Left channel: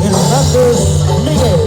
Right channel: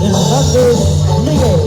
Hernández Miguel.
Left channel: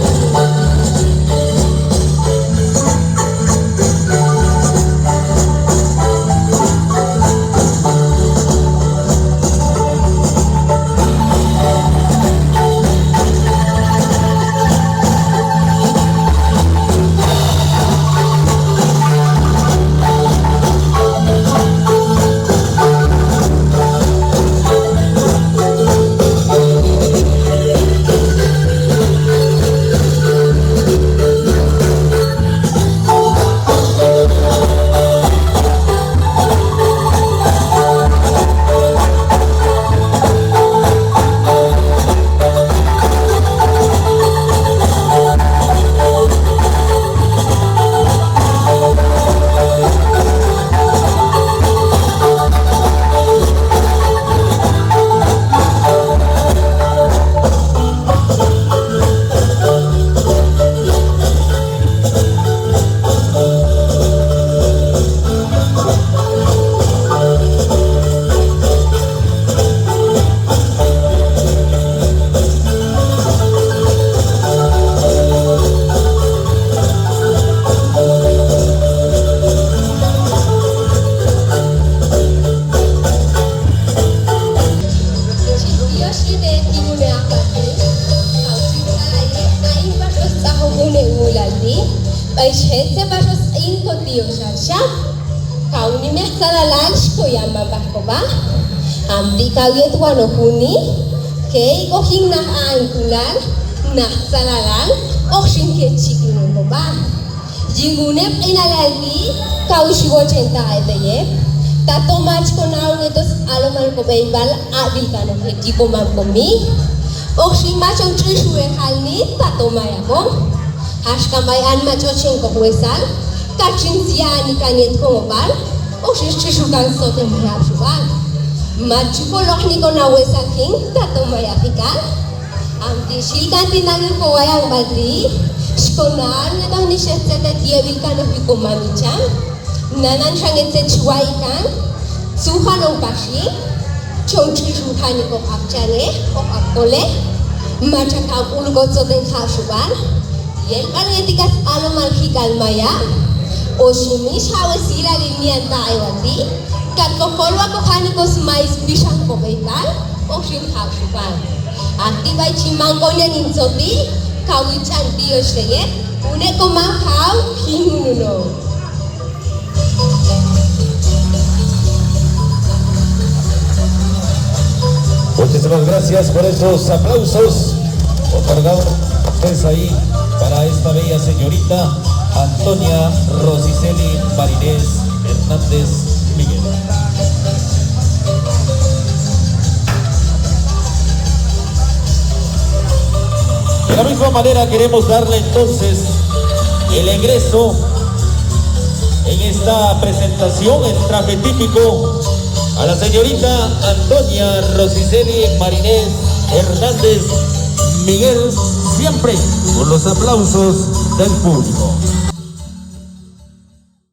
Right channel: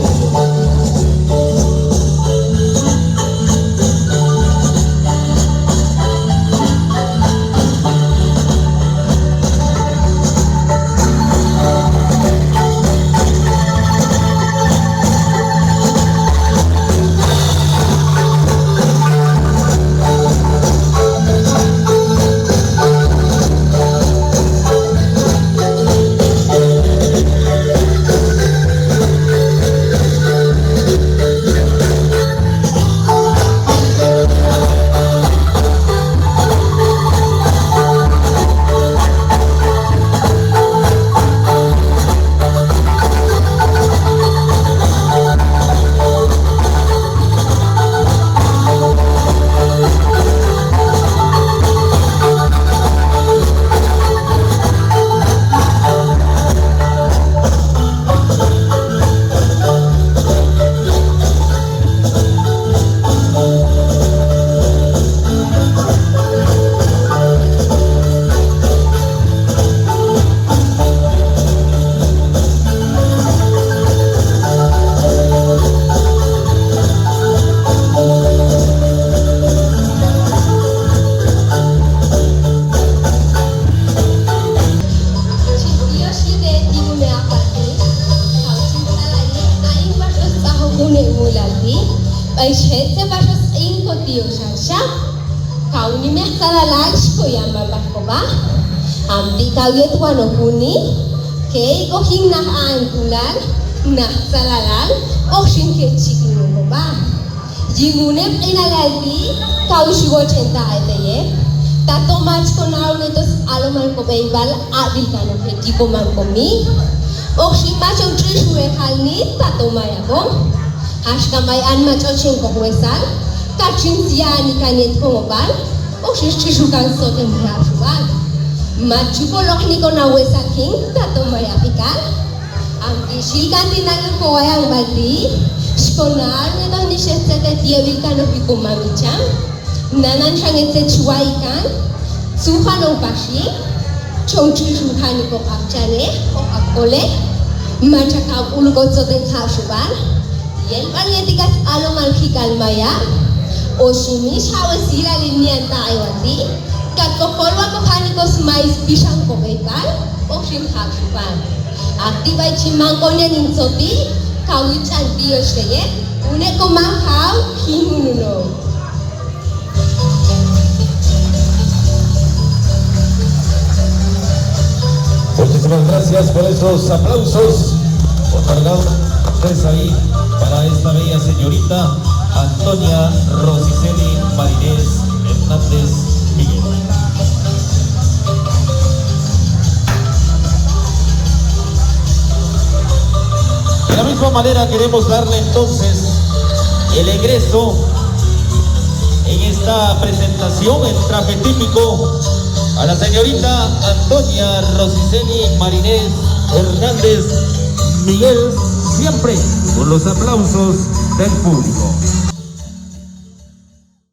Gente pasos inko tío Sasha, kauni me hasta lunch ko yaman ba? Amdi kawit wano huni, kay o hing nakaangkulan, nakasalalan, o shinket chikin mo ba? Jingunep inalaldi, kaushi wo chenta itaye, tato match ko na ulit aloman ko baybal, adil ka no heki ko man ko mi, o shima chow trishuwe kalni, tato maya ko. Hashkamay an machochen ko huesal, kachin siani kanet ko mobal, o shishukan soten rafubal. Machuko lokni ko na huesal king, tato maya pikal. Ang ishilkan tinan ko ayang baldi, shkonar na daw ni shetsete tiyawil ka no piko mamicham, nanan shangete chuwaikan, suhanong pashi, chong chishukani ko kapchane, o kapkole, machakang ulgot soten rafubal. Yel panetikas aluman hikal maya, o shimish hawa sila linian ta'iwati, kakokolwa ko kanakos mais bisang ko baikal, o shim hakshupan. Aktivay chimang ko niya ninsoti, kawichan tiyo sheye, une ko manghaw, hinununo. Muchísimas gracias por esos aplausos otorgados ustedes ahí para esta bella señorita Antonia Rosiceli Marinés Hernández Miguel. De la misma manera queremos darle entonces el egreso en esta presentación en traje típico a la señorita Antonia Rosiceli Marinés Hernández Miguel, siempre con los aplausos del público.